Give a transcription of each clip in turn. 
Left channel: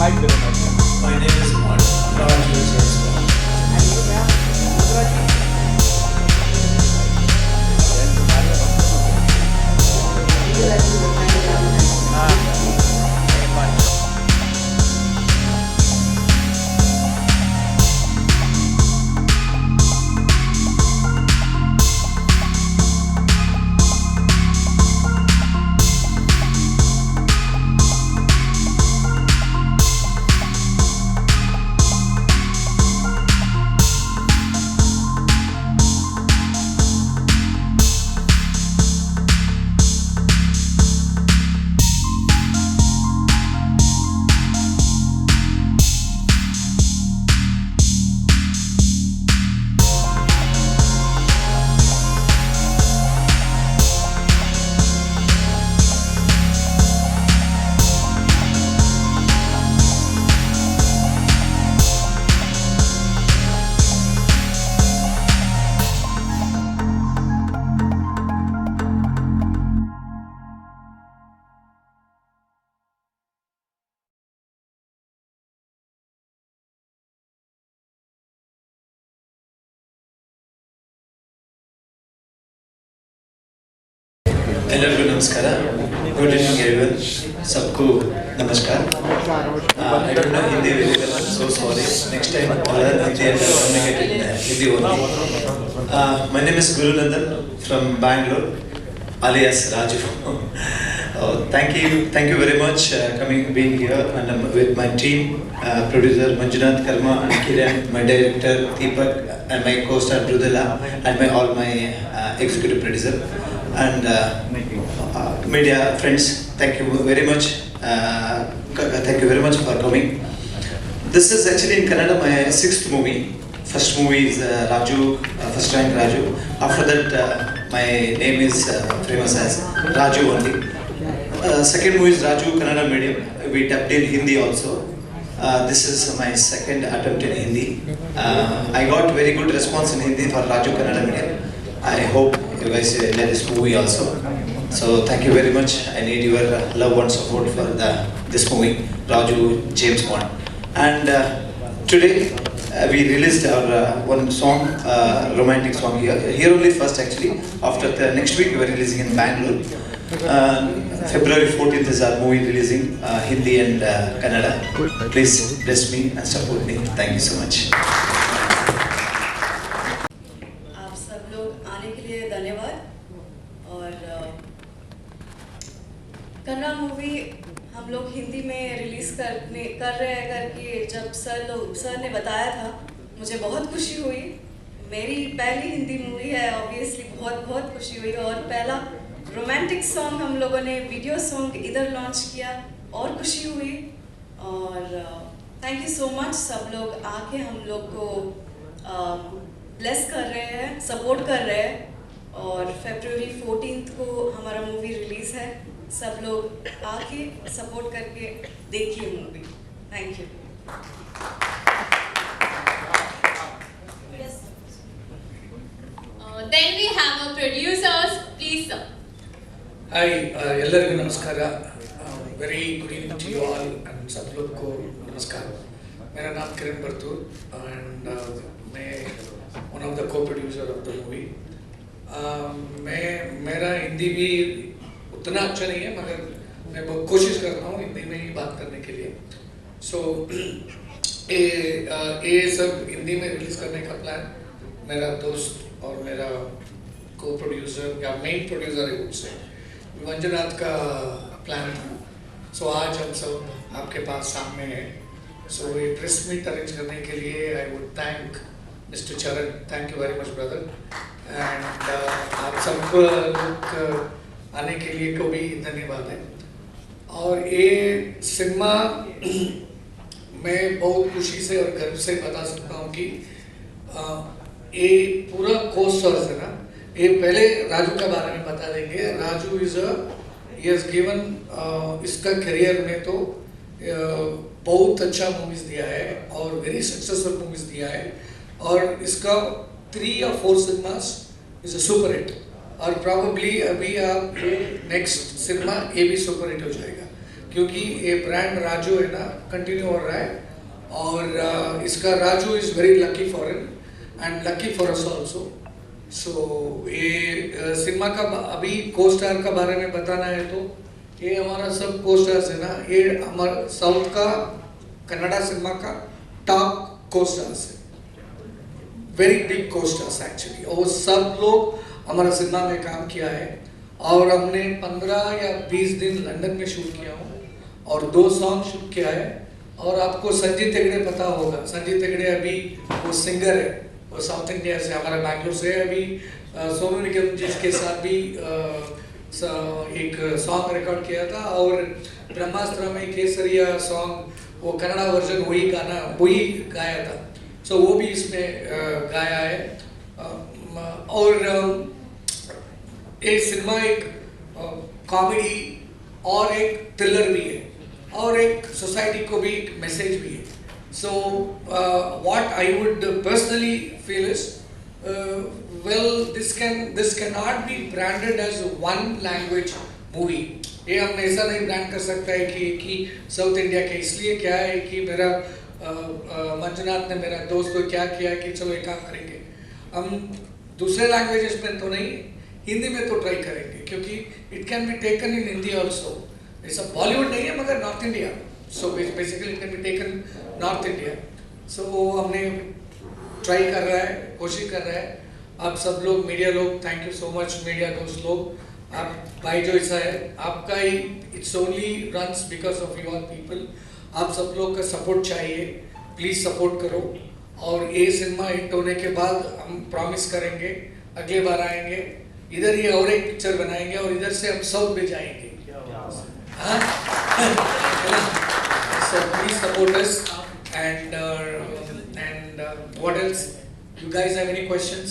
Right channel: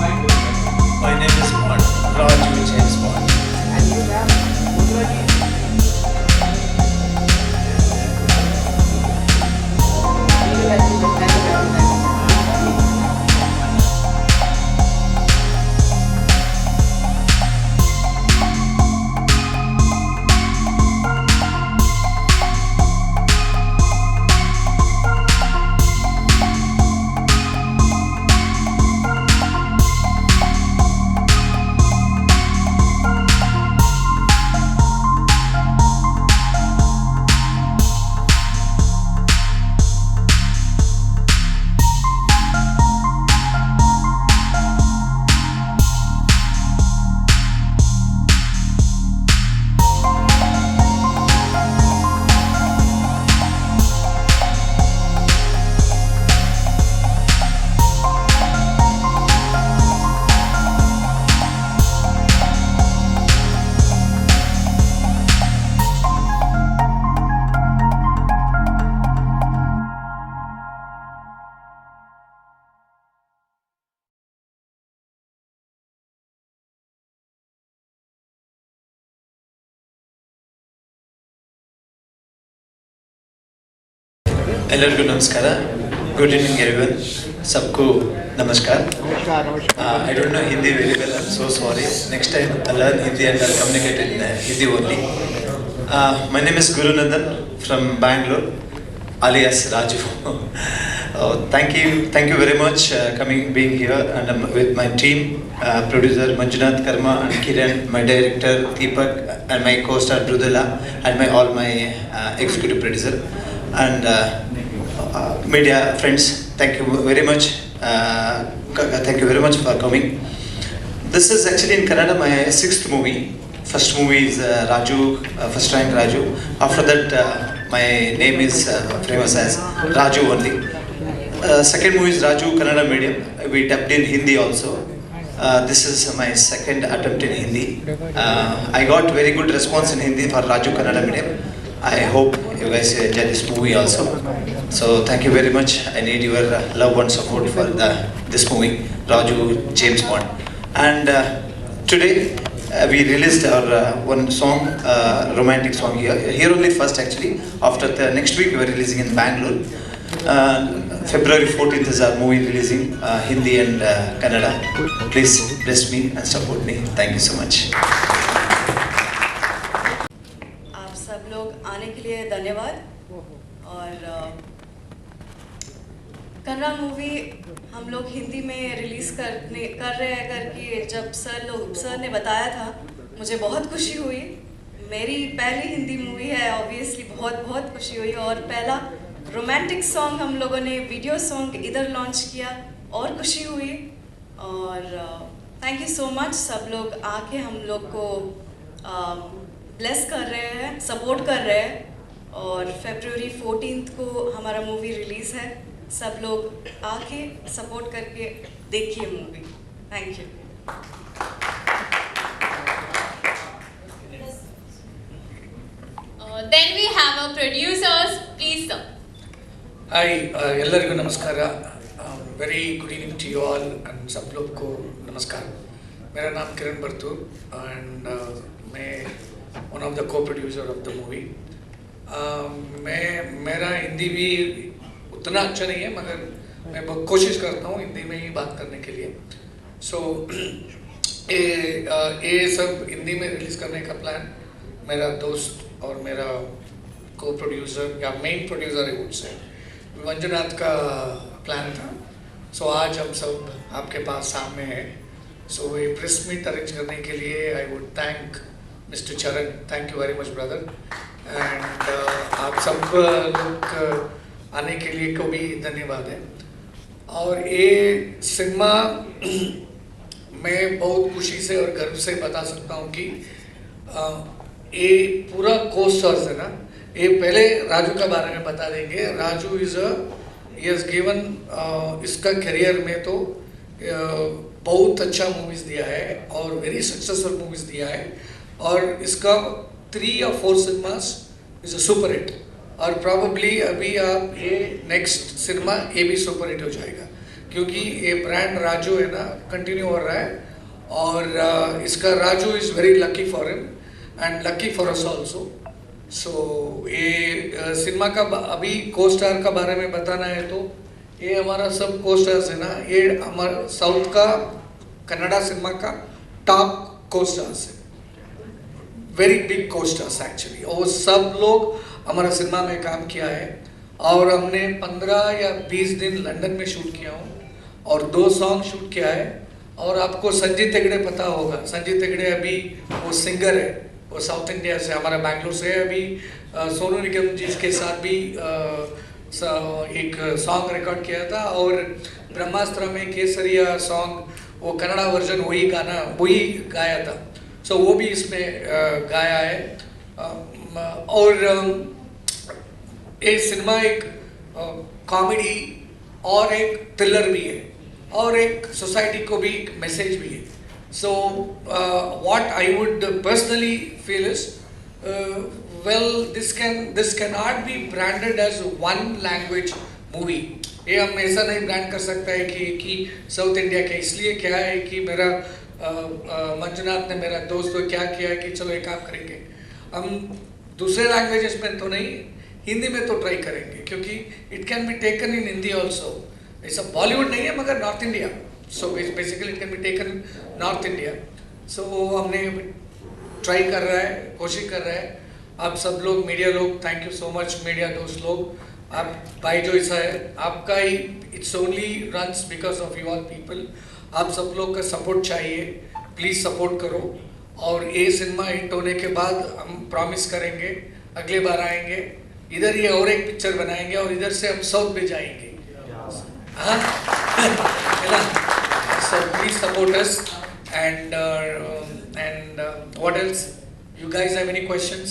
Hi, Guru. My name is Raj James Bond. And you, ma'am, Mudra ji. ಎಲ್ಲರಿಗೂ ನಮಸ್ಕಾರ. Good evening everyone. सबको नमस्कार. I don't know Hindi very well. I'm so sorry. Next time I'll learn Hindi and I'll communicate in Hindi only. My name is Guru Nandan from Bangalore, alias Raju. Thank you very much being here, and I'm with my team, producer Manjunath Karma and Kiran, my director Deepak, and my co-star Rudala, and all my executive producer. And media friends, thank you very much. Thank you very much for coming. This is actually in Kannada my sixth movie. First movie is Raju, first rank Raju. After that, my name is famous as Raju only. Second movie is Raju Kannada medium. We dubbed in Hindi also. This is my second attempt in Hindi. I got very good response in Hindi for Raju Kannada medium. I hope you guys enjoy this movie also. So thank you very much. I need your love and support for this movie, Raju James Bond. And today we released our one song, romantic song here only first actually. After next week we are releasing in Bangalore. February 14th is our movie releasing, Hindi and Kannada. Please bless me and support me. Thank you so much. आने के लिए धन्यवाद। और Kannada movie हम लोग हिंदी में release कर रहे हैं करके जब सर ने बताया था, मुझे बहुत खुशी हुई। मेरी पहली हिंदी मूवी है, ऑब्वियसली बहुत खुशी हुई। और पहला रोमांटिक सॉन्ग हम लोगों ने वीडियो सॉन्ग इधर लॉन्च किया और खुशी हुई। और थैंक यू सो मच, सब लोग आके हम लोग को ब्लेस कर रहे हैं, सपोर्ट कर रहे हैं। और February 14th को हमारा मूवी रिलीज है। सब लोग आके सपोर्ट करके देखिए movie. Thank you. Then we have our producers, please sir. Hi, ಎಲ್ಲರಿಗೂ ನಮಸ್ಕಾರ. Very good evening to you all and सब लोग को नमस्कार. मेरा नाम किरण बर्तूर and मैं one of the co-producer of the movie. मेरा हिंदी भी उतना अच्छा नहीं है, मगर मैं बहुत कोशिश करता हूँ हिंदी में ही बात करने के लिए. So ये सब हिंदी में रिलीज करने का प्लान मेरा दोस्त और मेरा को-प्रोड्यूसर या मेन प्रोड्यूसर है मंजुनाथ का प्लान था. सो आज हम सब आपके पास सामने हैं. सो ये प्रेस मीट अरेंज करने के लिए आई वुड थैंक मिस्टर चरण. Thank you very much brother. And आप सब लोग आने के लिए को भी धन्यवाद है. और ये सिनेमा मैं बहुत खुशी से और गर्व से बता सकता हूँ कि ये पूरा कोस्टर्स है ना, ये पहले राजू के बारे में बता देंगे. राजू इज गिवन इसका करियर में तो बहुत अच्छा मूवीज दिया है और वेरी सक्सेसफुल मूवीज दिया है. और इसका 3 or 4 cinemas is a super hit. और प्रॉबली अभी आप नेक्स्ट सिनेमा ये भी सुपर हिट हो जाएगा. क्योंकि ये ब्रांड राजू है ना कंटिन्यू हो रहा है और इसका Raju is very lucky for him and lucky for us also. सो ये सिनेमा का अभी को स्टार का बारे में बताना है तो ये हमारा सब को स्टार्स है ना, ये हमारा साउथ का कन्नड़ा सिनेमा का टॉप को स्टार्स है, वेरी बिग को स्टार्स एक्चुअली, और सब लोग हमारा सिनेमा में काम किया है और हमने 15 या 20 दिन लंदन में शूट किया हूँ और 2 सॉन्ग शूट किया है। और आपको संजीत हेगड़े पता होगा, संजीत हेगड़े अभी वो सिंगर है, वो साउथ इंडिया से हमारा बैंगलोर से है। अभी सोनू निगम जी के साथ भी एक सॉन्ग रिकॉर्ड किया था और ब्रह्मास्त्र में केसरिया सॉन्ग वो कन्नड़ा वर्जन वही गाना वही गाया था, सो वो भी इसमें गाया है। और ये सिनेमा एक कॉमेडी और एक थ्रिलर भी है और एक सोसाइटी को भी एक मैसेज भी है। So what I would personally feel is well this can not be branded as one language movie. ये हम ऐसा नहीं ब्रांड कर सकता है कि साउथ इंडिया के, इसलिए क्या है कि मेरा मंजुनाथ ने मेरा दोस्त को क्या किया कि चलो एक काम करेंगे, हम दूसरे लैंग्वेजेस में तो नहीं हिंदी में तो ट्राई करेंगे, क्योंकि it can be taken in Hindi also. ऐसा बॉलीवुड नहीं है मगर north India, so basically it can be taken north India. So वो हमने ट्राई कर रहा है, कोशिश कर रहा है। आप सब लोग मीडिया लोग, thank you so much media दोस्त लोग, आप भाई जो ऐसा है आपका ही, it's only runs because of your people. आप सब लोग का सपोर्ट चाहिए, प्लीज सपोर्ट करो। और ये सिनेमा हिट होने के बाद हम प्रॉमिस करेंगे अगले बार आएंगे इधर ही और एक पिक्चर बनाएंगे और इधर से हम साउथ में जाएंगे। So please support us and what else? You guys have any questions?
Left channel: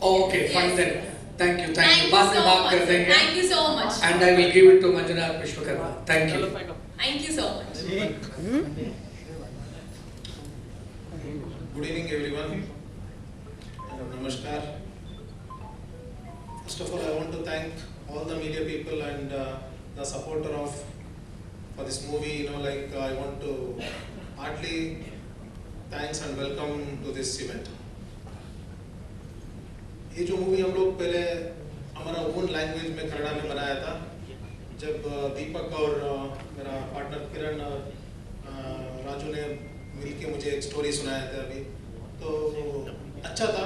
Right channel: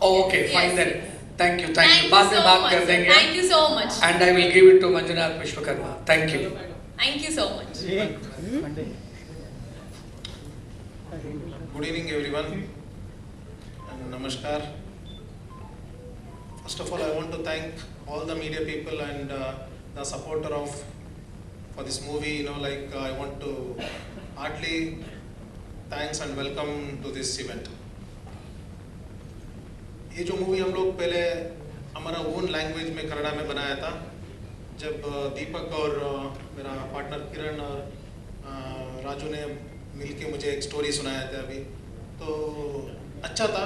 Oh, okay, fine then. Thank you. बाद में बात कर देंगे. Thank you so much. And I will give it to Manjunath Vishwakarma. Thank you. Thank you so much. Good evening, everyone. Namaskar. First of all, I want to thank all the media people and the supporter of for this movie. I want to heartily thanks and welcome to this event. ये जो movie हम लोग पहले हमारा own language में कन्नड़ा में बनाया था, जब दीपक और मेरा पार्टनर किरण और राजू ने मिलके मुझे एक स्टोरी सुनाया था अभी, तो अच्छा था।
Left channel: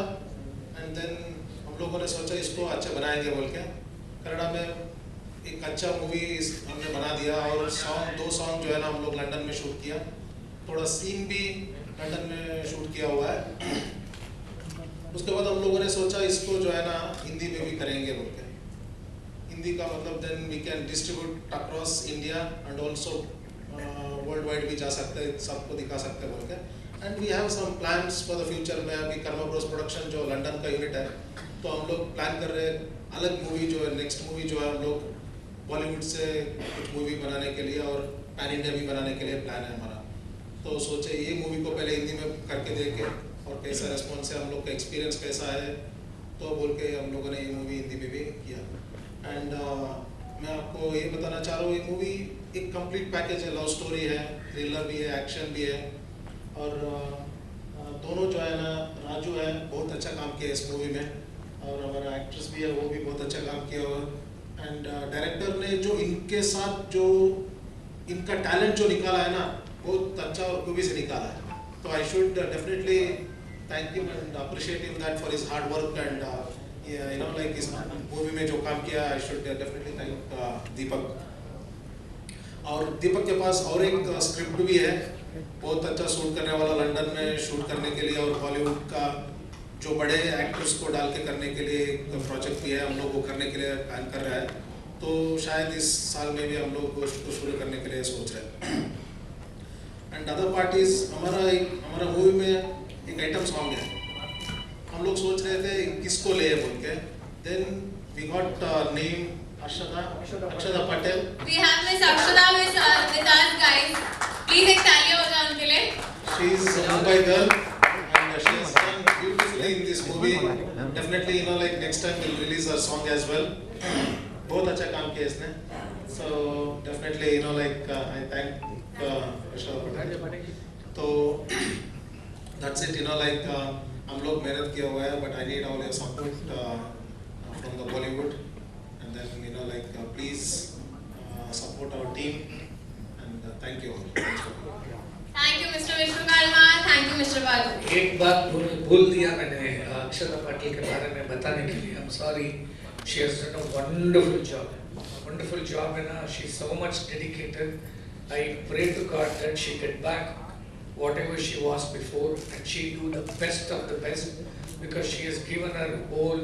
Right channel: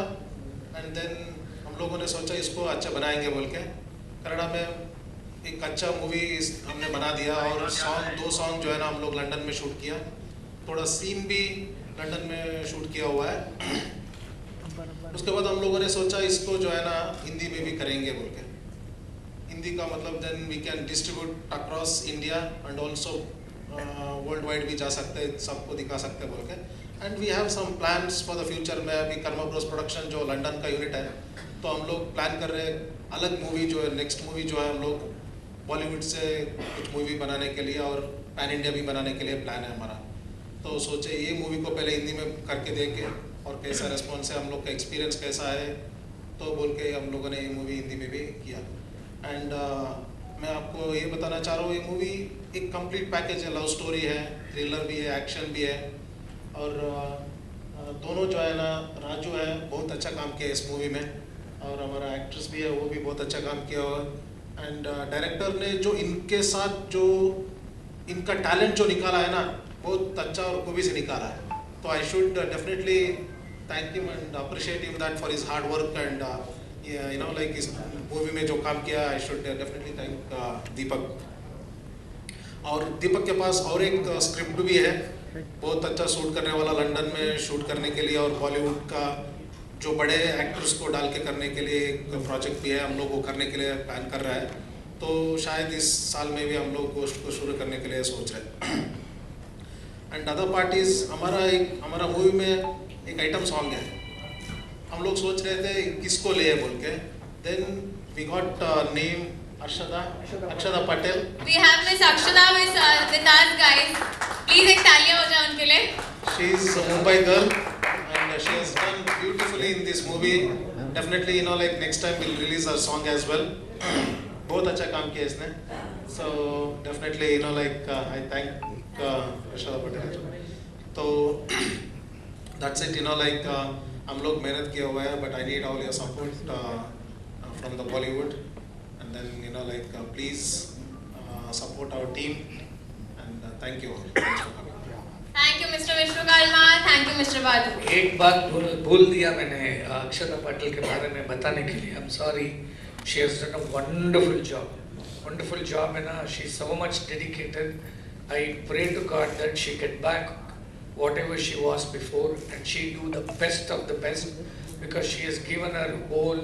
एंड देन हम लोगों ने सोचा इसको अच्छा बनाएंगे बोल के कन्नड़ा में एक अच्छा मूवी हमने बना दिया। और दो सॉन्ग जो है ना हम लोग लंदन में शूट किया, थोड़ा सीन भी लंदन में शूट किया हुआ है। उसके बाद हम लोगों ने सोचा इसको जो है ना हिंदी में भी करेंगे बोल के। हिंदी का मतलब then we can distribute across India and also world wide भी जा सकते हैं, सबको दिखा सकते हैं बोल के। And we have some plans for the future में। अभी कर्मा ब्रोस प्रोडक्शन जो लंदन का यूनिट है, तो हम लोग प्लान कर रहे हैं अलग मूवी जो है, नेक्स्ट मूवी जो है हम लोग बॉलीवुड से कुछ मूवी बनाने के लिए और पैन इंडिया भी बनाने के लिए प्लान है हमारा। तो सोचे ये मूवी को पहले हिंदी में करके देखें और कैसा रिस्पॉन्स है, हम लोग का एक्सपीरियंस कैसा है, तो बोल के हम लोगों ने ये मूवी हिंदी में भी किया। एंड मैं आपको ये बताना चाह रहा हूँ, ये मूवी एक कंप्लीट पैकेज है, लव स्टोरी है, थ्रिलर भी है, एक्शन भी है। और दोनों जो है ना, राजू है बहुत अच्छा काम किया इस मूवी में, और हमारा एक्ट्रेस भी है वो भी बहुत अच्छा काम किया। और एंड डायरेक्टर ने जो इनके साथ जो इनका टैलेंट जो निकाला है ना, बहुत अच्छा और खूबी से निकाला है। तो I should definitely thank you and appreciate him that for his hard work and इस मूवी में जो काम किया। आई शुड डेफिनेटली थैंक दीपक। और दीपक के पास और एक स्क्रिप्ट भी है, बहुत अच्छा शूट करने वाला, लंदन में शूट करने के लिए और बॉलीवुड का जो बड़े एक्टर्स को डाल के करने के लिए एक प्रोजेक्ट भी है, हम लोग वो करने के लिए प्लान कर रहा है। तो शायद इस साल में भी हम लोग उसको शुरू करने के लिए सोच रहे हैं। एंड अदर पार्टीज हमारा मूवी में एक आइटम सॉन्ग है, हम लोग सोच रहे थे किसको ले बोल के। Then we got name Akshara Patel. We have Miss Akshada with us, guys. Please एक तालियां बजाओ उनके लिए. She is a Mumbai girl and she has done beautifully in this movie. Definitely, next time we'll release her song as well. बहुत अच्छा काम किया इसने. So definitely I thank Mr. Patel. So that's it. हम लोग मेहनत किया हुआ है, but I need all your support from the Bollywood, and then please support our team, and thank you. Thank you, Mr. Vishnu Karma. Thank you, Mr. Badu. एक बात भूल दिया मैंने अक्षता पाटिल के बारे में बताने के लिए. I'm sorry. She has done a wonderful job. Wonderful job, and she's so much dedicated. I pray to God that she get back whatever she was before, and she do the best of the best, because she has given her whole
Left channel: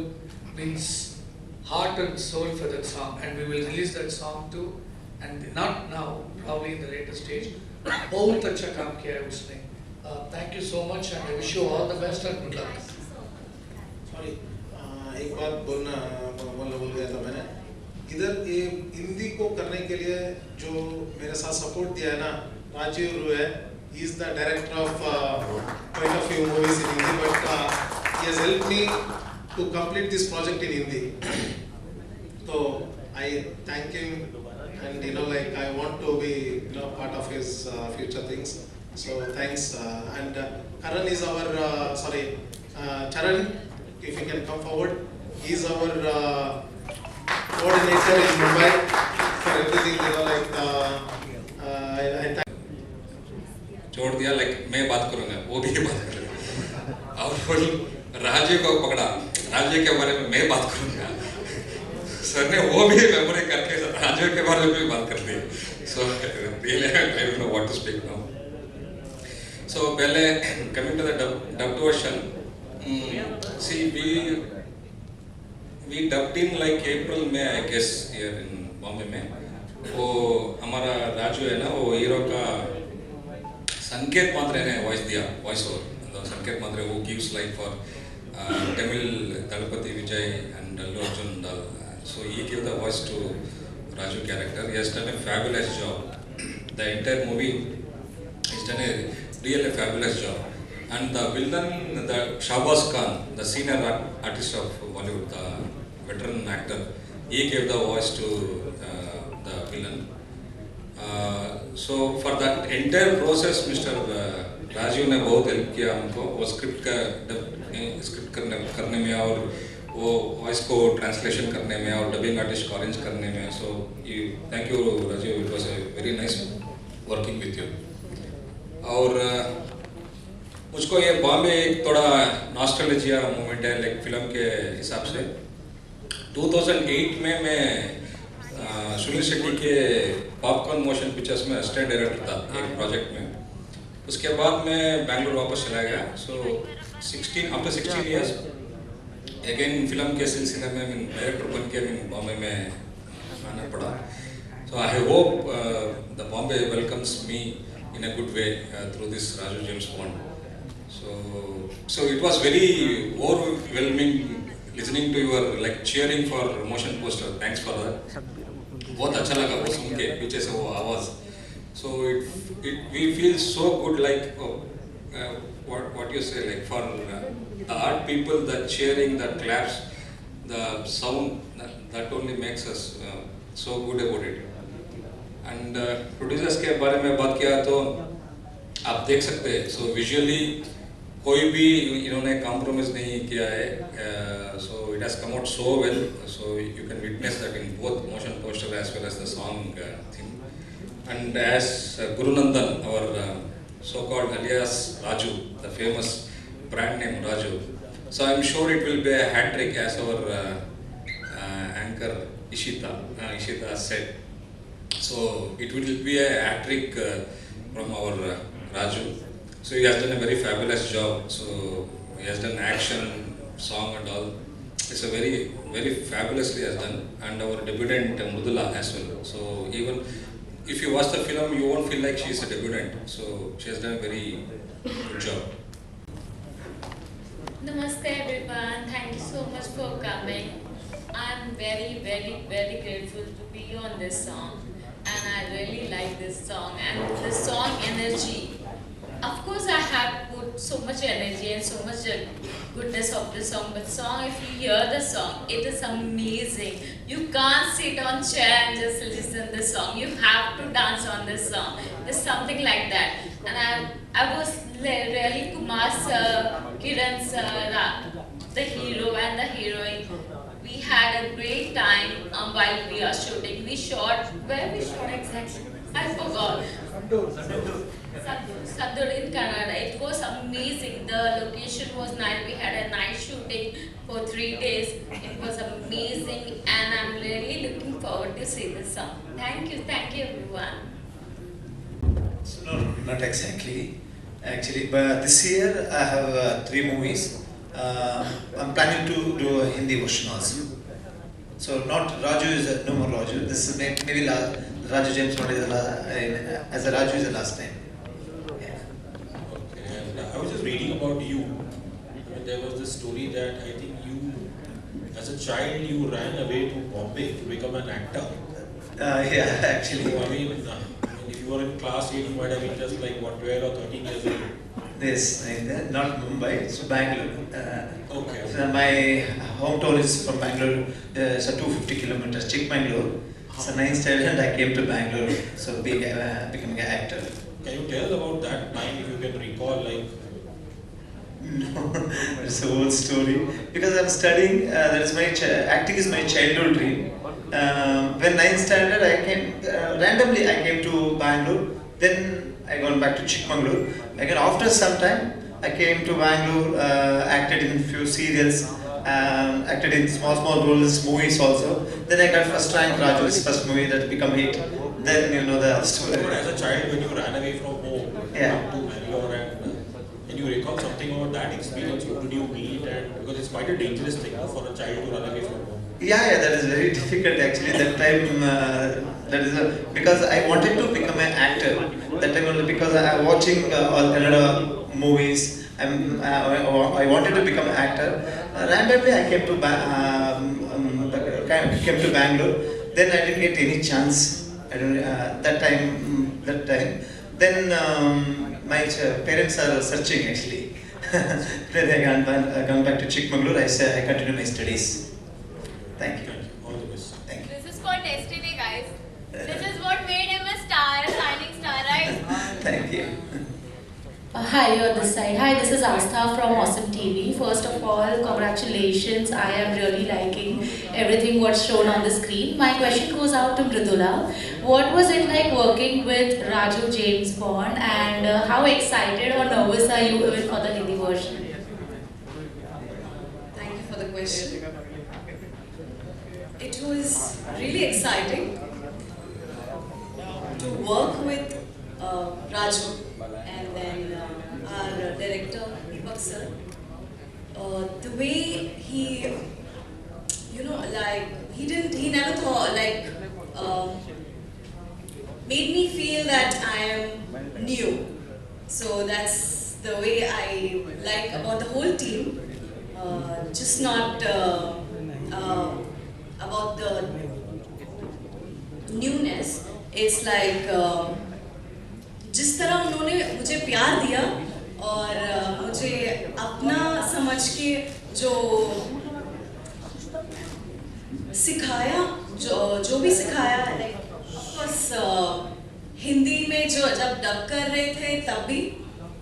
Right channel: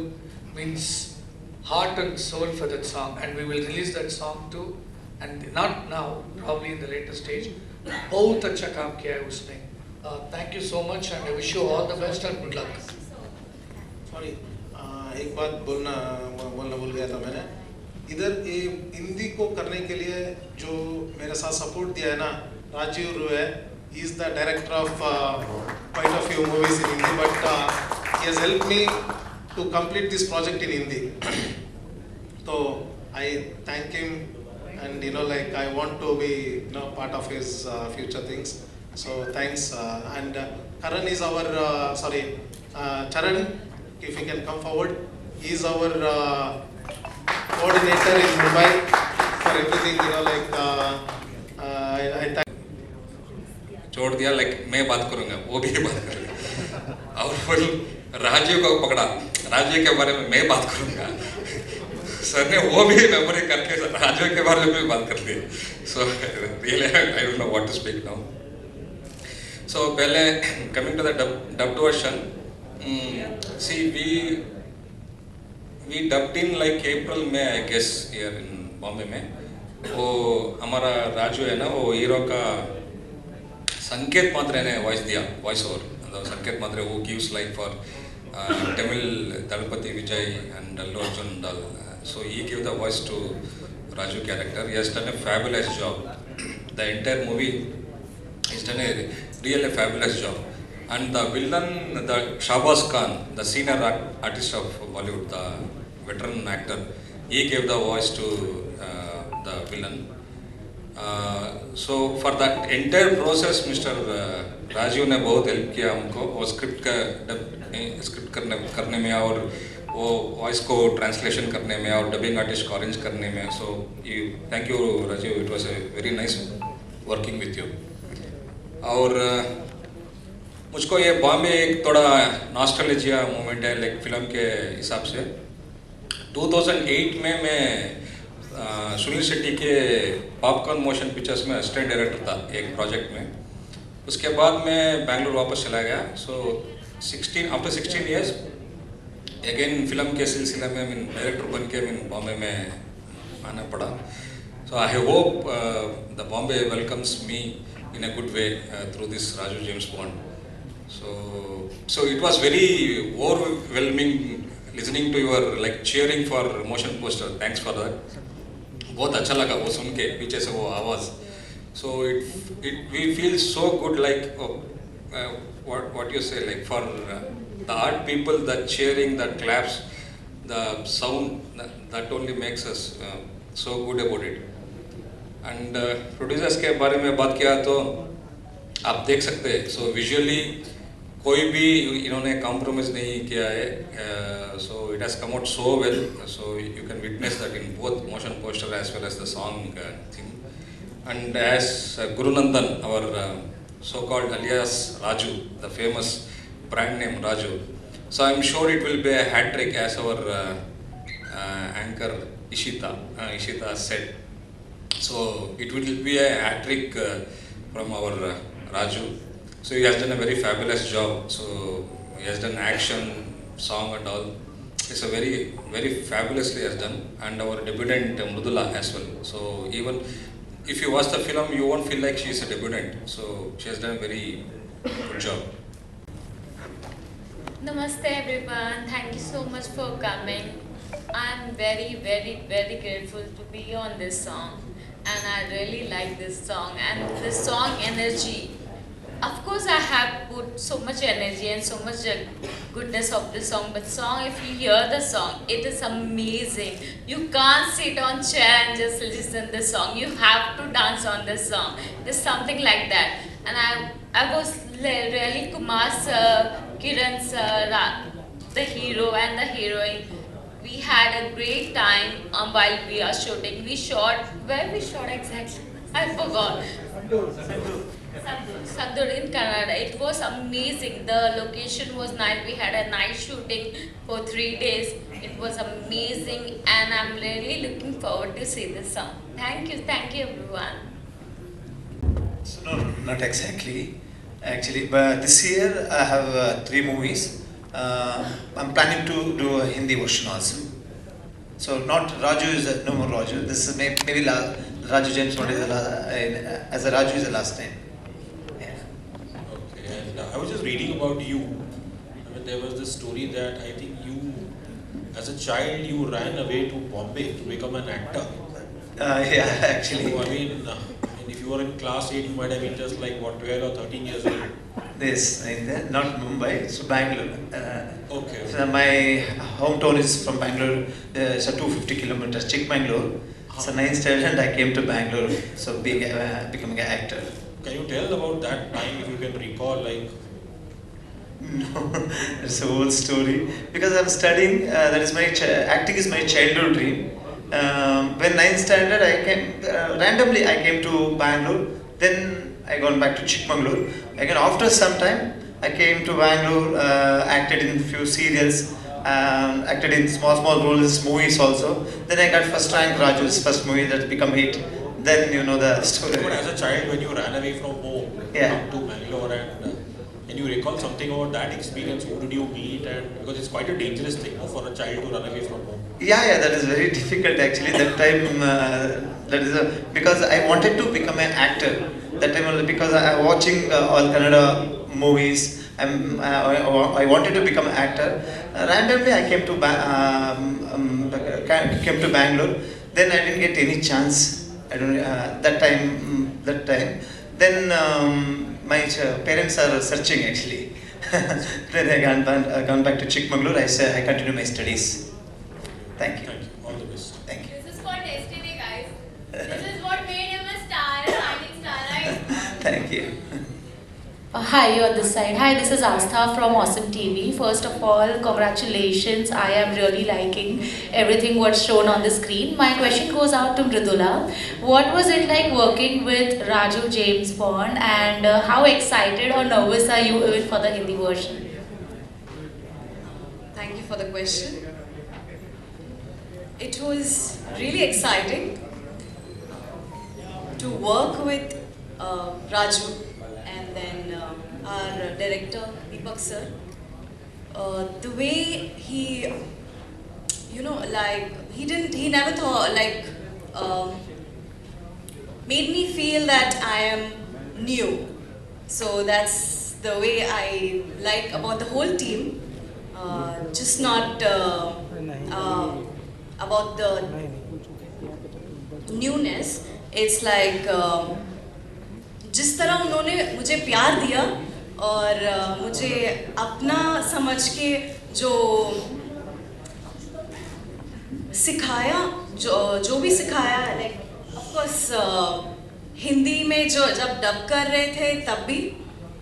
heart and soul for that song, and we will release that song too, and not now, probably in the later stage. बहुत अच्छा काम किया है उसने. Thank you so much, and I wish you all the best and good luck. Sorry, एक बात बोलना भूल गया था मैंने. इधर ये हिंदी को करने के लिए जो मेरे साथ सपोर्ट दिया है ना, राजीव रोय है. He is the director of quite a few movies in Hindi, but he has helped me to complete this project in Hindi. So I thank him, and I want to be part of his future things. So thanks. And Karan is our Charan, if you can come forward. He is our coordinator in Mumbai for everything. I thank. छोड़ दिया, मैं बात करूंगा, वो भी बात करेगा. और फिर राजीव को पकड़ा, राजीव के बारे में मैं बात करूंगा. सर ने वो भी मेमोरी करके राजीव के बारे में भी बात कर ली. So really I don't know what to speak now. So पहले coming to the dubbed version, see we dubbed in April में, I guess, here in Bombay में. वो हमारा राजू है ना, वो हीरो का संकेत मात्र ने वॉइस ओवर. संकेत मात्र who gives life for Tamil Dalpati Vijay and Allu Arjun and all. So he gave the voice to Raju character. He has done a fabulous job. The entire movie has done a really fabulous job. And the villain, the Shahbaz Khan, the senior artist of Bollywood, the veteran actor, he gave the voice to the villain. So for that entire process, Mr. Rajiv ने बहुत help किया हमको, वो script करने में और वो voice को ट्रांसलेशन करने में और डबिंग आर्टिस्ट को अरेंज करने में. So thank you Rajiv, it was a very nice working with you. और मुझको ये बॉम्बे एक थोड़ा नॉस्टैल्जिया मोमेंट है फिल्म के हिसाब से. 2008 में मैं सुनील शेट्टी के पॉपकॉर्न मोशन पिक्चर्स में असिस्टेंट डायरेक्टर था एक प्रोजेक्ट में. उसके बाद मैं बैंगलोर वापस चला गया. So after 16 years again film के सिलसिले में डायरेक्टर बन के बॉम्बे में आना पड़ा. So I hope the Bombay welcomes me in a good way through this Raju James Bond. So it was very overwhelming listening to your cheering for motion poster. Thanks for that. बहुत अच्छा लगा वो सुन के पीछे से वो आवाज. So we feel so good, what you say, for the art people, that cheering, that claps, the sound, that only makes us so good about it. And producers के बारे में बात किया तो आप देख सकते हैं. So visually कोई भी इन्होंने कॉम्प्रोमाइज नहीं किया है. So it has come out so well. So you can witness that in both motion poster as well as the song theme. And as Guru Nandan, our so-called alias Raju, the famous brand name Raju. So I'm sure it will be a hat trick, as our anchor Ishita said. So it will be a hat trick from our Raju. So he has done a very fabulous job. So he has done action, song and all. It's a very, very fabulously has done. And our debutant Mridula as well. So even if you watch the film, you won't feel like she's a debutant. So she has done a very good job. Namaste everyone. Thank you so much for coming. I'm very, very, very grateful to be on this song. And I really like this song. And the song energy. Of course, I have put so much energy and so much goodness of the song. But song, if you hear the song, it is amazing. You can't sit on chair and just listen the song. You have to dance on this song. There's something like that. And I was really Kumar sir, Kiran sir, the hero and the heroine. We had a great time while we are shooting. We shot, where we shot exactly? I forgot. Sandur in Canada. It was amazing. The location was nice. We had a night shooting for 3 days. It was amazing, and I'm really looking forward to see this song. Thank you everyone. So no, not exactly. Actually, but this year I have 3 movies. I'm planning to do a Hindi version also. So not Raju is no more Raju. This is maybe Raju James Bond is as a Raju is the last time. Okay, and I was just reading about you, and there was this story that I think you, as a child, you ran away to Bombay to become an actor. Yeah, actually. So, I mean, if you were in class 8, you might have been just like what, 12 or 13 years old. This not Mumbai, so Bangalore. Okay. So my hometown is from Bangalore. It's 250 kilometers, Chikmagalur. So 9th standard I came to Bangalore, so becoming an actor. Can you tell about that time, if you can recall, like? No, it's a whole story. Because I'm studying, that is acting is my childhood dream. When 9th standard, randomly I came to Bangalore. Then I gone back to Chikmagalur. Again, after some time, I came to Bangalore, acted in few serials, acted in small roles, movies also. Then I got first rank Raju's first movie that become hit. Then you know the story. But as a child, when you ran away from home, Yeah. come to Bangalore, and can you recall something about that experience? Who did you meet? And because it's quite a dangerous thing for a child to run away from home. Yeah, that is very difficult actually. That time, because I wanted to become an actor. That time because I was watching all Kannada movies. I wanted to become an actor. Randomly, I came to Bangalore. Then I didn't get any chance. I don't that time. Then my parents are searching actually. Then I gone back to Chikmagalur. I said I continue my studies. Thank you. All the best. Thank you. This is for destiny, guys. This is what made him a star, a shining star, right? Thank you. Hi, you're on this side. Hi, this is Astha from Awesome TV. First of all, congratulations. I am really liking everything what's shown on the screen. My question goes out to Mridula. What was it like working with Raju James Bond, and how excited or nervous are you even for the Hindi version? Thank you for the question. It was really exciting to work with Raju and then our director Deepak sir. The way he, he never thought made me feel that I am new. So that's the way I like about the whole team. Just not about the newness. It's like जिस तरह उन्होंने मुझे प्यार दिया और मुझे अपना समझ के जो सिखाया, जो भी सिखाया, ऑफकोर्स हिंदी में जब डब कर रहे थे तब भी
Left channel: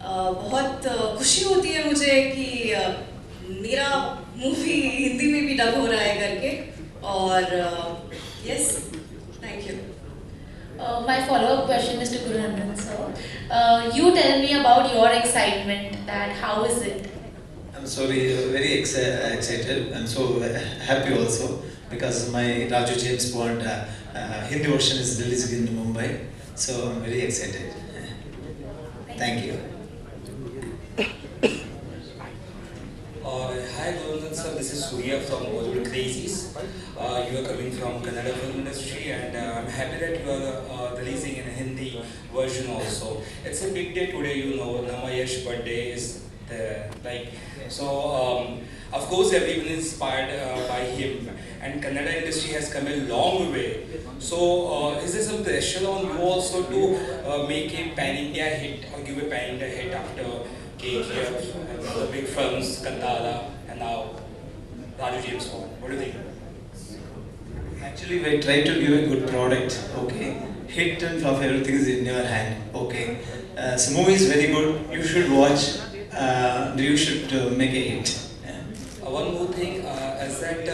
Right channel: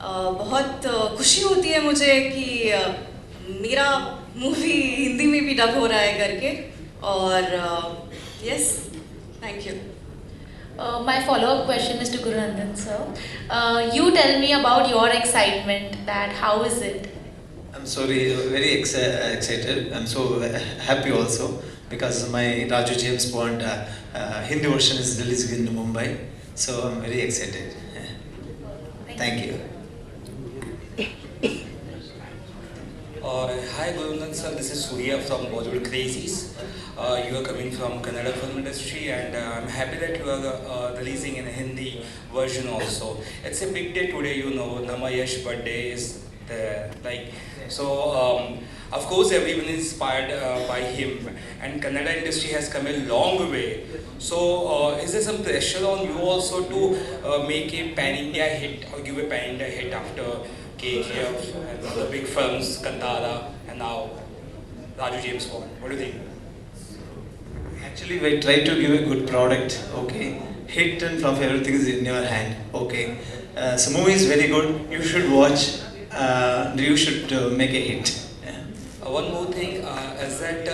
बहुत खुशी होती है मुझे कि मेरा मूवी हिंदी में भी डब हो रहा है करके. और yes, thank you. My follow-up question is to Guru Ranjan sir. You tell me about your excitement. That how is it? I'm sorry, very excited. I'm so happy also because my Raju James Bond Hindi version is released in Mumbai. So I'm very excited. Thank you. Hi Gurunand sir, this is Surya from Bollywood Crazies. You are coming from Kannada film industry, and I'm happy that you are releasing in a Hindi version also. It's a big day today, Nama Yash birthday is Of course, everyone is inspired by him, and Kannada industry has come a long way. So, is there some pressure on you also to make a pan-India hit or give a pan-India hit after KGF, the big films, Kantara, and now Raju James Bond? What do you think? Actually, we try to give a good product. Okay, hit and flop, everything is in your hand. Okay, so movie is very good. You should watch. You should make a hit. One more thing is that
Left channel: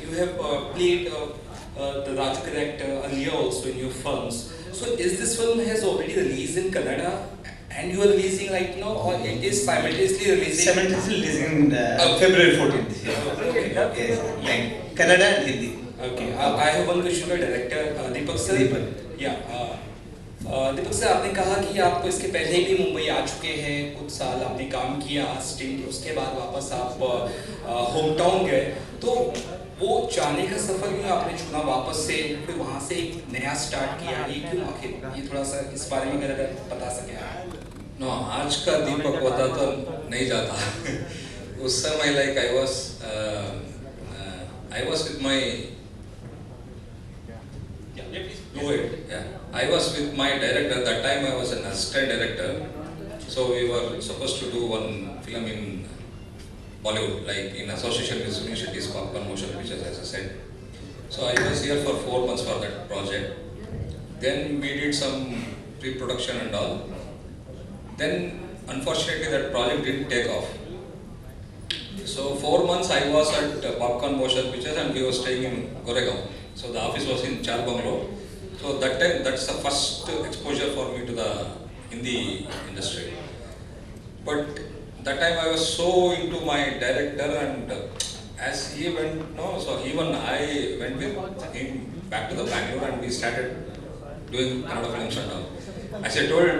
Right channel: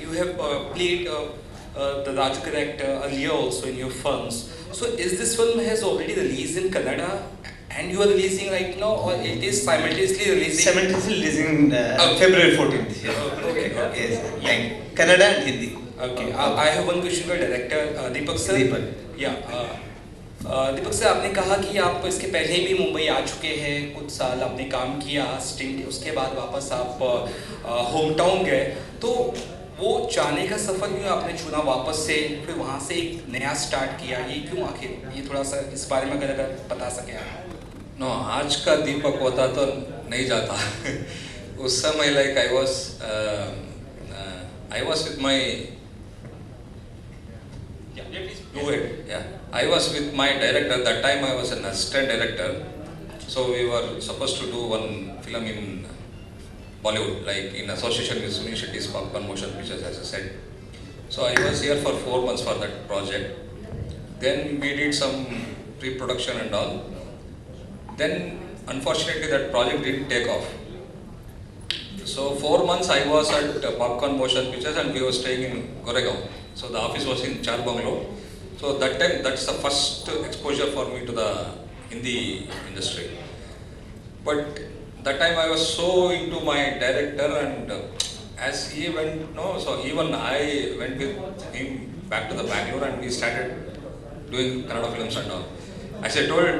you have played the Raj character earlier also in your films. So is this film has already released in Kannada and you are releasing right now, or it is simultaneously releasing? Simultaneously releasing February 14th. Okay. Yeah. Kannada and Hindi. Okay. I have one question for director Deepak sir. Deepak. Yeah. Deepak sir, आपने कहा कि आप इसके पहले भी मुंबई आ चुके हैं, कुछ साल आपने काम किया स्टिंग, उसके बाद वापस आप होम टाउन गए, तो वो जाने का सफर क्यों आपने चुना वापस से, फिर वहाँ से एक नया स्टार्ट किया, ये क्यों आखिर? ये थोड़ा सा इस बारे में अगर बता सके आप। नो, आज का दीपक होता तो नहीं जाता। उस समय like I was with my I was with my director. That time I was an assistant director. So we were supposed to do one film in Bollywood, like in association with universities called Motion Pictures, as I said. So I was here for 4 months for that project. Then we did some pre-production and all. Then unfortunately that project didn't take off. So 4 months I was at Popcorn Motion Pictures and we were staying in Goregaon. So the office was in Char Bungalow. So that time, that's the first exposure for me to the Hindi industry. But that time I was so into my director, and as he went, so even I went with him back to the Bangalore and we started doing Kannada films and all. As I told,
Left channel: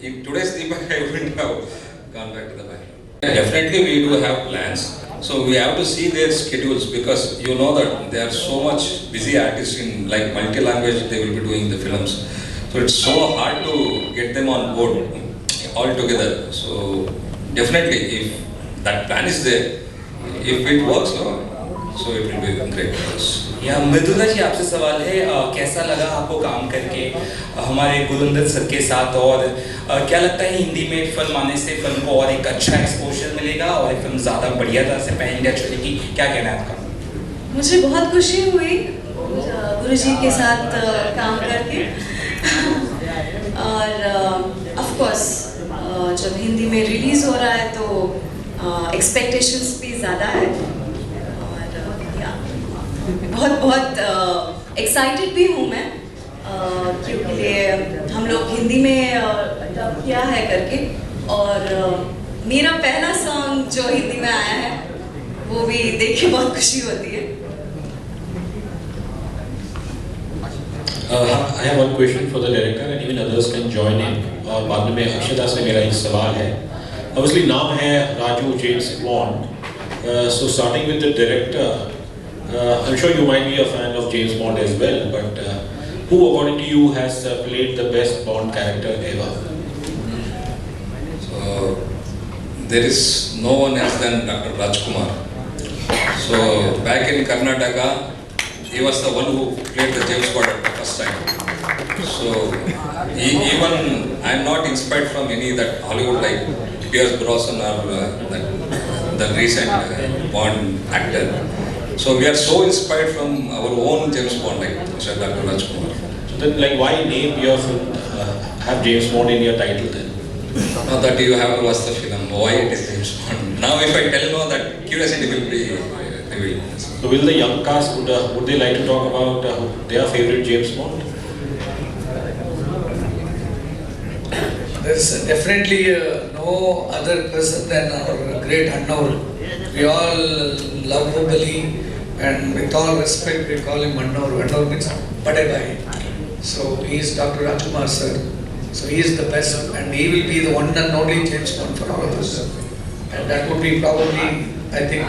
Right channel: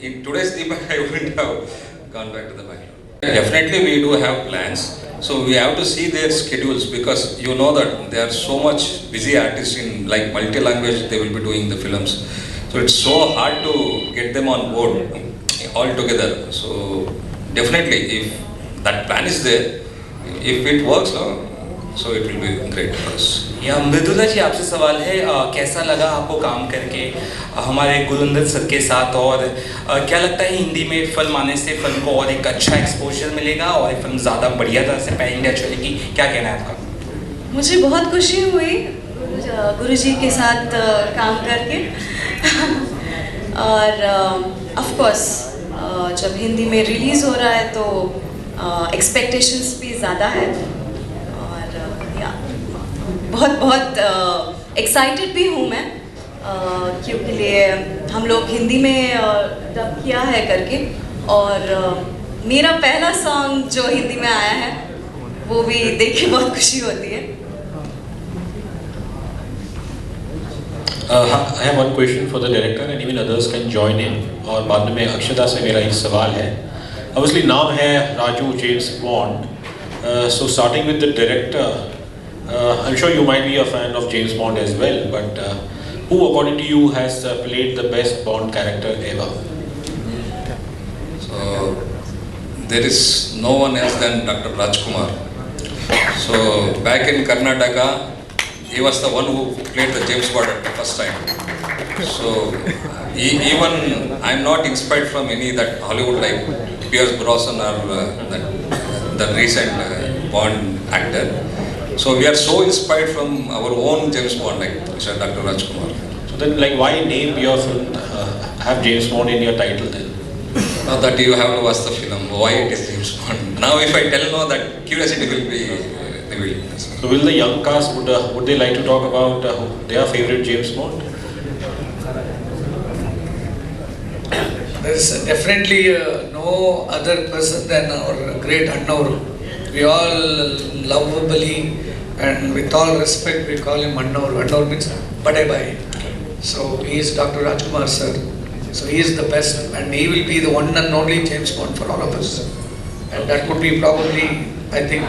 in today's Deepak, I wouldn't have gone back to the Bangalore. Definitely we do have plans. So we have to see their schedules, because you know that they are so much busy artists in like multi-language, they will be doing the films. So it's so hard to get them on board all together. So definitely if that plan is there, if it works, so it will be great for us. या मृदुला जी, आपसे सवाल है, कैसा लगा आपको काम करके हमारे गुरुंदर सर के साथ, और क्या लगता है हिंदी में फिल्म आने से फिल्म को और एक अच्छा एक्सपोजर मिलेगा और ये फिल्म ज़्यादा बढ़िया तरह से पैन इंडिया चलेगी? क्या कहना है आपका? मुझे बहुत खुशी हुई गुरुजी के साथ काम करके और ऑफ कोर्स जब हिंदी में रिलीज हो रहा है तो एक्सपेक्टेशंस भी ज़्यादा है और बहुत बहुत एक्साइटेड भी हूँ मैं क्योंकि हम लोग हिंदी में डब किया है करके, और मेरा पहला सॉन्ग जो हिंदी में आया है वो भी देख के बहुत खुशी होती है। I have one question for the director and even others can join in. और बाद में अक्षता से मेरा एक सवाल है। Obviously नाम है Raju James Bond. So starting with the director, I'm sure you might be a fan of James Bond as well, but who according to you has played the best Bond character ever? So there is no one else than Dr. Rajkumar. So back in Karnataka, he was the one who played the James Bond at the first time. So even I'm not inspired from any that Hollywood like Pierce Brosnan or the recent Bond actor. So we are so inspired from our own James Bond, like Mr. Dr. Rajkumar. Then, like, why name your film have James Bond in your title then? Now that you have watched the film, why it is James Bond? Now if I tell no, that curiosity will be revealed. So will the young cast would they like to talk about their favorite James Bond? There's definitely no other person than our great Annaur. We all love Bali, and with all respect we call him Annaur. Annaur means Bade Bhai. So he is Dr. Rajkumar sir. So he is the best, and he will be the one and only James Bond for all of us. And that would be probably, I think,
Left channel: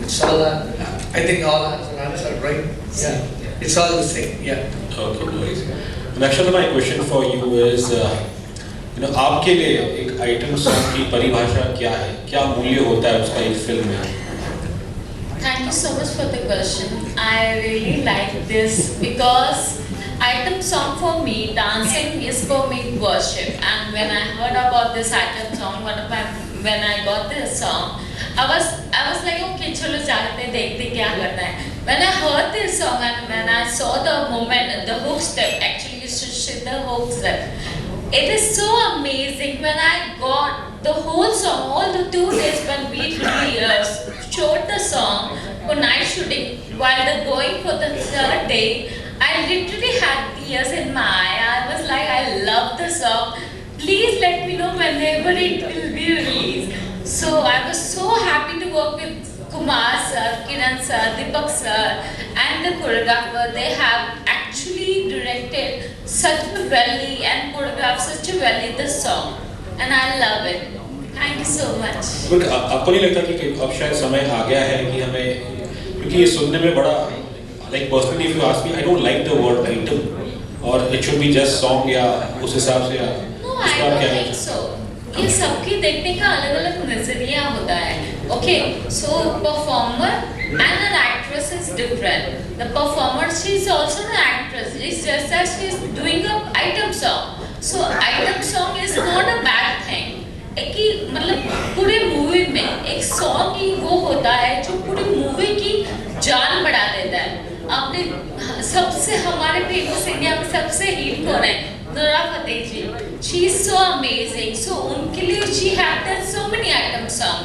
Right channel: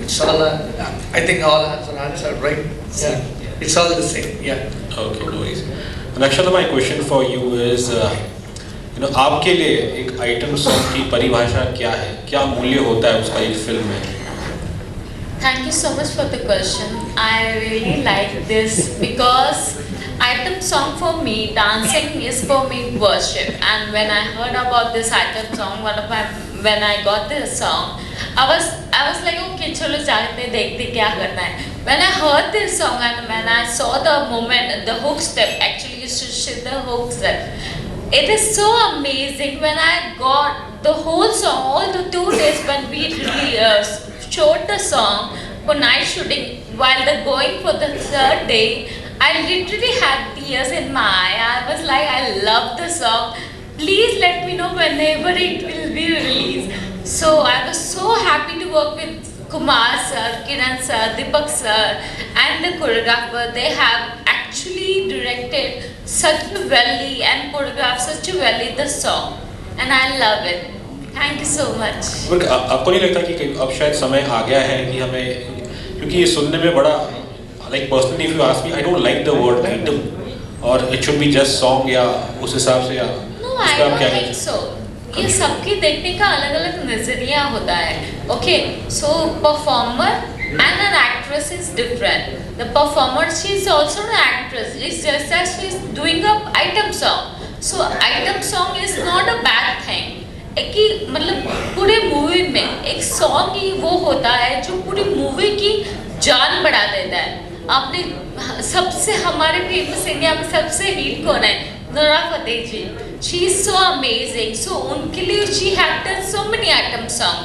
it's all. I think all answered, right? Yeah. It's all the same. Yeah. Okay, please. And actually, my question for you is, आपके लिए एक item song की परिभाषा क्या है, क्या मूल्य होता है उसका एक फिल्म में? Thank you so much for the question. I really like this because item song for me, dancing is for me worship. And when I heard about this item song, when I got this song, I was like, okay, चलो जाते देखते क्या करना है. When I heard this song and when I saw the moment, the hook step, actually you should see the hook step. It is so amazing when I got the whole song, all the 2 days when we really showed the song for night shooting. While the going for the 3rd day, I literally had tears in my eye. I was like, I love the song. Please let me know whenever it will be released. So I was so happy to work with Kumar sir, Kiran sir, Deepak sir, and the choreographer. They have actually directed such a well and choreographed such a well the song, and I love it. Thank you so much. But आपको नहीं लगता कि अब शायद समय आ गया है कि हमें, क्योंकि ये सुनने में बड़ा like personally if you ask me, I don't like the word item, और it should be just song, या उस हिसाब से? No, I don't think so. ये सबकी देखने का अलग अलग नजरिया होता है. Okay, so performer and an actress is different. The performer, she is also an actress. It's just that she is doing a item song. So item song is not a bad thing. एक ही मतलब पूरी movie में एक song ही वो होता है जो पूरी मूवी की जान बढ़ा देता है. आपने सबसे हमारे फेमस इंडिया में सबसे हिट कौन है? Nora Fatehi ji. She is so amazing. So उनके लिए she have done so many item song.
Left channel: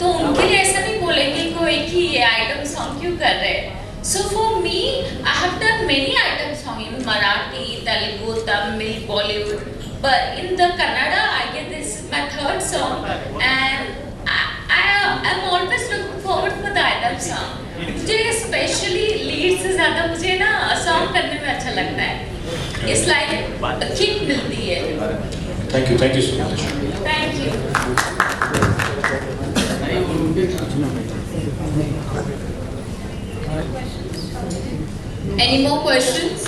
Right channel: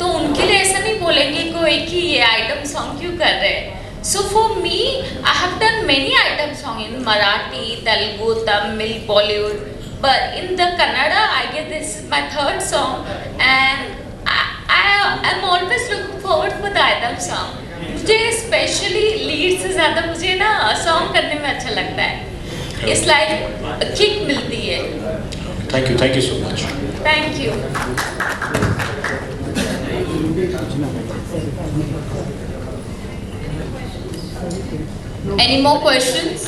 तो उनके लिए ऐसा नहीं बोलेंगे कोई कि ये आइटम सॉन्ग क्यों कर रहे हैं. So for me, I have done many item songs in Marathi, Telugu, Tamil, Bollywood. But in the Kannada, I guess this is my 3rd song, and I'm always looking forward for the item song. मुझे specially lead से ज़्यादा मुझे ना song करने में अच्छा लगता है. It's like किक मिलती है. Thank you so much. Thank you. Any more questions?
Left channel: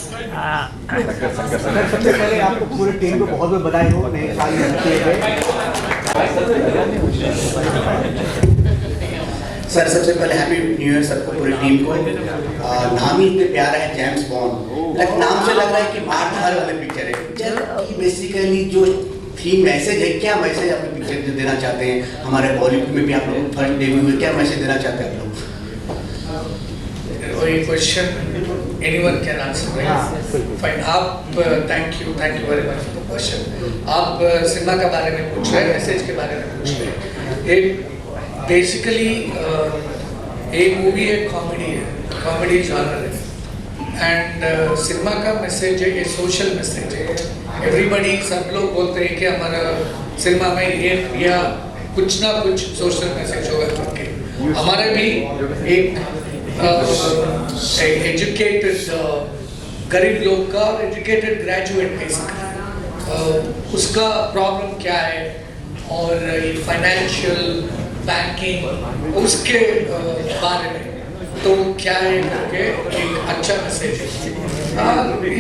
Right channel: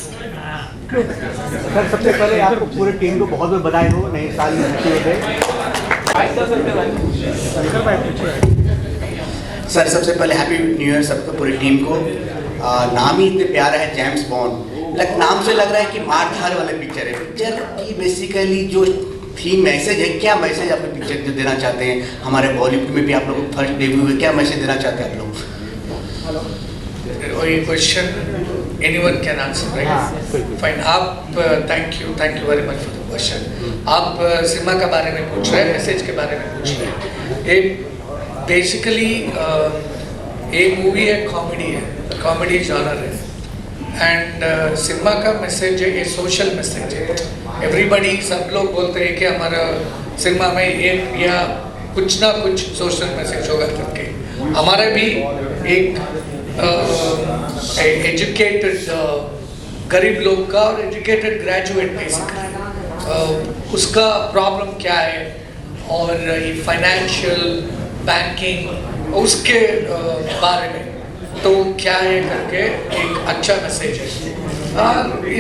Sir सबसे पहले आपको पूरे टीम को बहुत बहुत बधाई हो नए साल में नशे पे. सर सबसे पहले हैप्पी न्यू ईयर सबको, पूरी टीम को. नाम ही इतने प्यारा है, जेम्स बॉन्ड. लाइक नाम से लग रहा है कि मार धार वाला पिक्चर है. पिक्चर की बेसिकली जो थीम मैसेज है, क्या मैसेज आप पिक्चर को देना चाहते हैं? हमारे बॉलीवुड में भी आप लोग फर्स्ट डेब्यू में क्या मैसेज देना चाहते हैं आप लोग? ये question anyone can answer. Fine. आप thank you very much for the question. आप सिनेमा के बारे में पूछ रहे हैं, मैसेज के बारे में पूछ रहे हैं. एक बेसिकली एक मूवी है, कॉमेडी जॉनर है, एंड सिनेमा का मैसेज है, ये सोशल मैसेज है. एवरीबडी, सब लोग बोलते हैं कि हमारा सिनेमा में एक या कुछ ना कुछ सोशल मैसेज होगा करके. हमारे भी एक एजुकेटेड गरीब लोग का और एजुकेटेड ग्रेजुएट बेसिकली उसका प्रॉब्लम क्या है, और फाइनेंशियल बैंकिंग उसके बारे में तो क्या है करके एक अच्छा मैसेज है.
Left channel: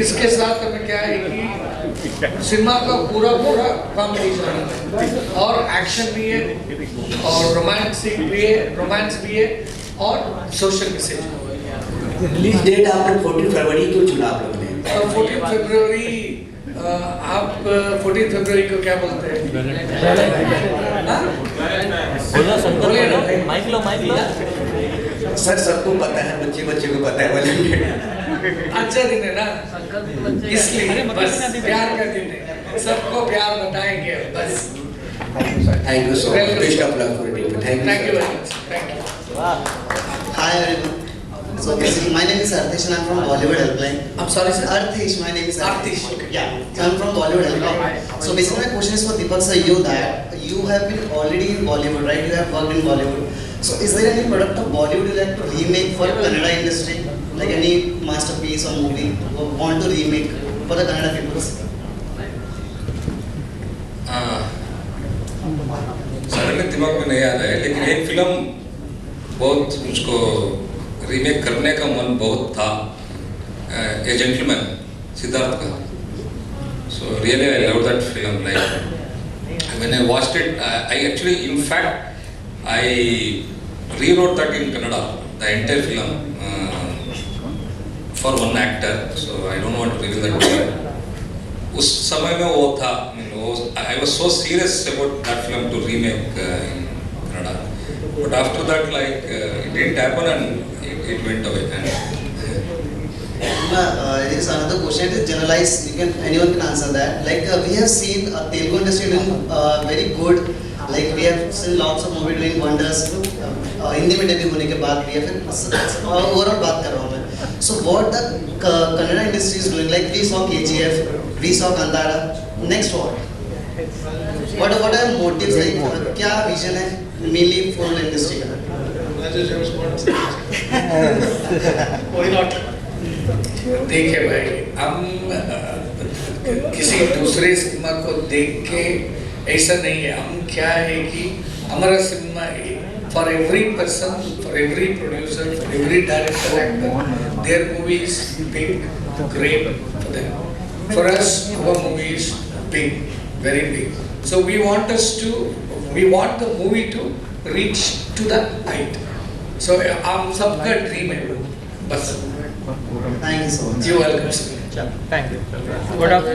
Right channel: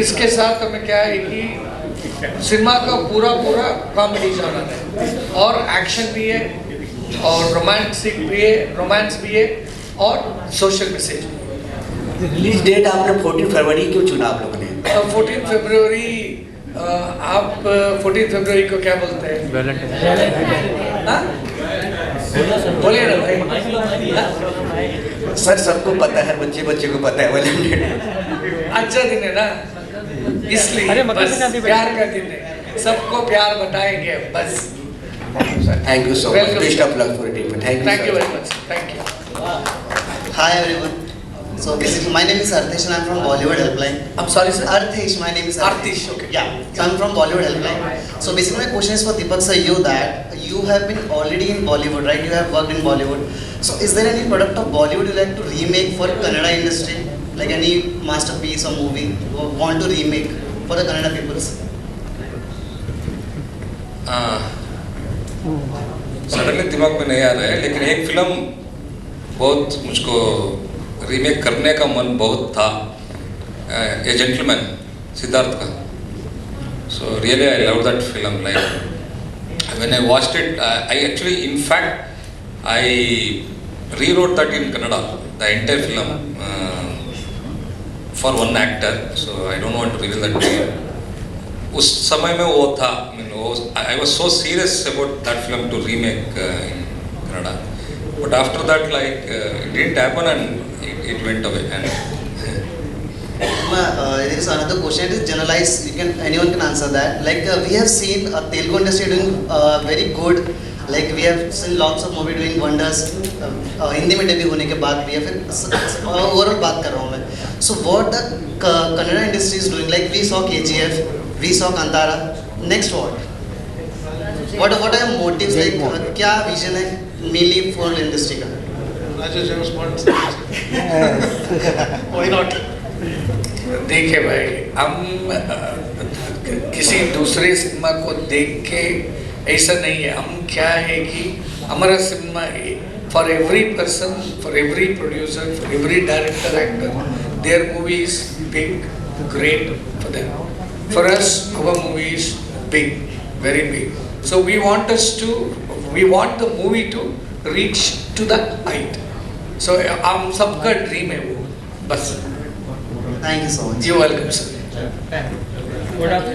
इसके साथ हमें क्या है कि सिनेमा का पूरा कॉमेडी जॉनर है, और एक्शन भी है, और रोमांस भी है, और सोशल मैसेज. रिलीज डेट आपने 14 फरवरी को चुना आपने. 14 फरवरी. आप 14 फरवरी को क्या बोलते हैं? सर सबको पता है, बच्चे को पता है. अच्छा दिन है ना, इसलिए बस प्यार का दिन है, सबको प्यार बताएंगे बस. Thank you so much. Best of luck for it. Thank you very much. Thank you. Hi everyone. So basically, my name is Artish and I'm from Bollywood Helpline. I'm sorry, sir. Artish. My name is Artish. Okay. Yeah. So I'm from Bollywood Helpline. So basically, my question is for Deepak sir. You have been already in Bollywood, right? You have worked in Bollywood. So is there any product of Bollywood you like to remake for Kannada industry, like any masterpiece or movie you want to remake for the Kannada peoples? Suddenly दिमाग में नहीं आ रहा है, लेकिन एक film बहुत मुझको remake करने का मन बहुत था. ए जेंटलमैन, सिद्धार्थ का. सो really I love that film. Like When I watched it, I actually, in fact, I rewrote that in Kannada, the entire film, for one actor. So I don't want to reveal that to you. उस समय में वो था, I was so serious about that film to remake in Kannada. But after that, like, it didn't happen and it went away. This another question is generalized. Anyone can answer that. Like we have seen Telugu industry doing very good. Like we have seen lots of movie doing wonders. Hindi में debut होने के बाद भी है फिर overall बात कर रहा हूँ मैं. So what the Kannada industry is doing? Like we saw KGF, we saw Kantara. Next what? What are motives? Like क्या vision है mainly for the industry का? Why not? देखिए भाई, हम किसी दूसरे सिनेमा को देख के ऐसा नहीं है. हम क्या है कि हमारा cinema for every person, for every producer, for every director, actor, their movie is big, great for them. For us our movie is big, very big. So we want the movie to reach to the height. सो हम सबका dream है वो, बस. Thank you so much. You are welcome.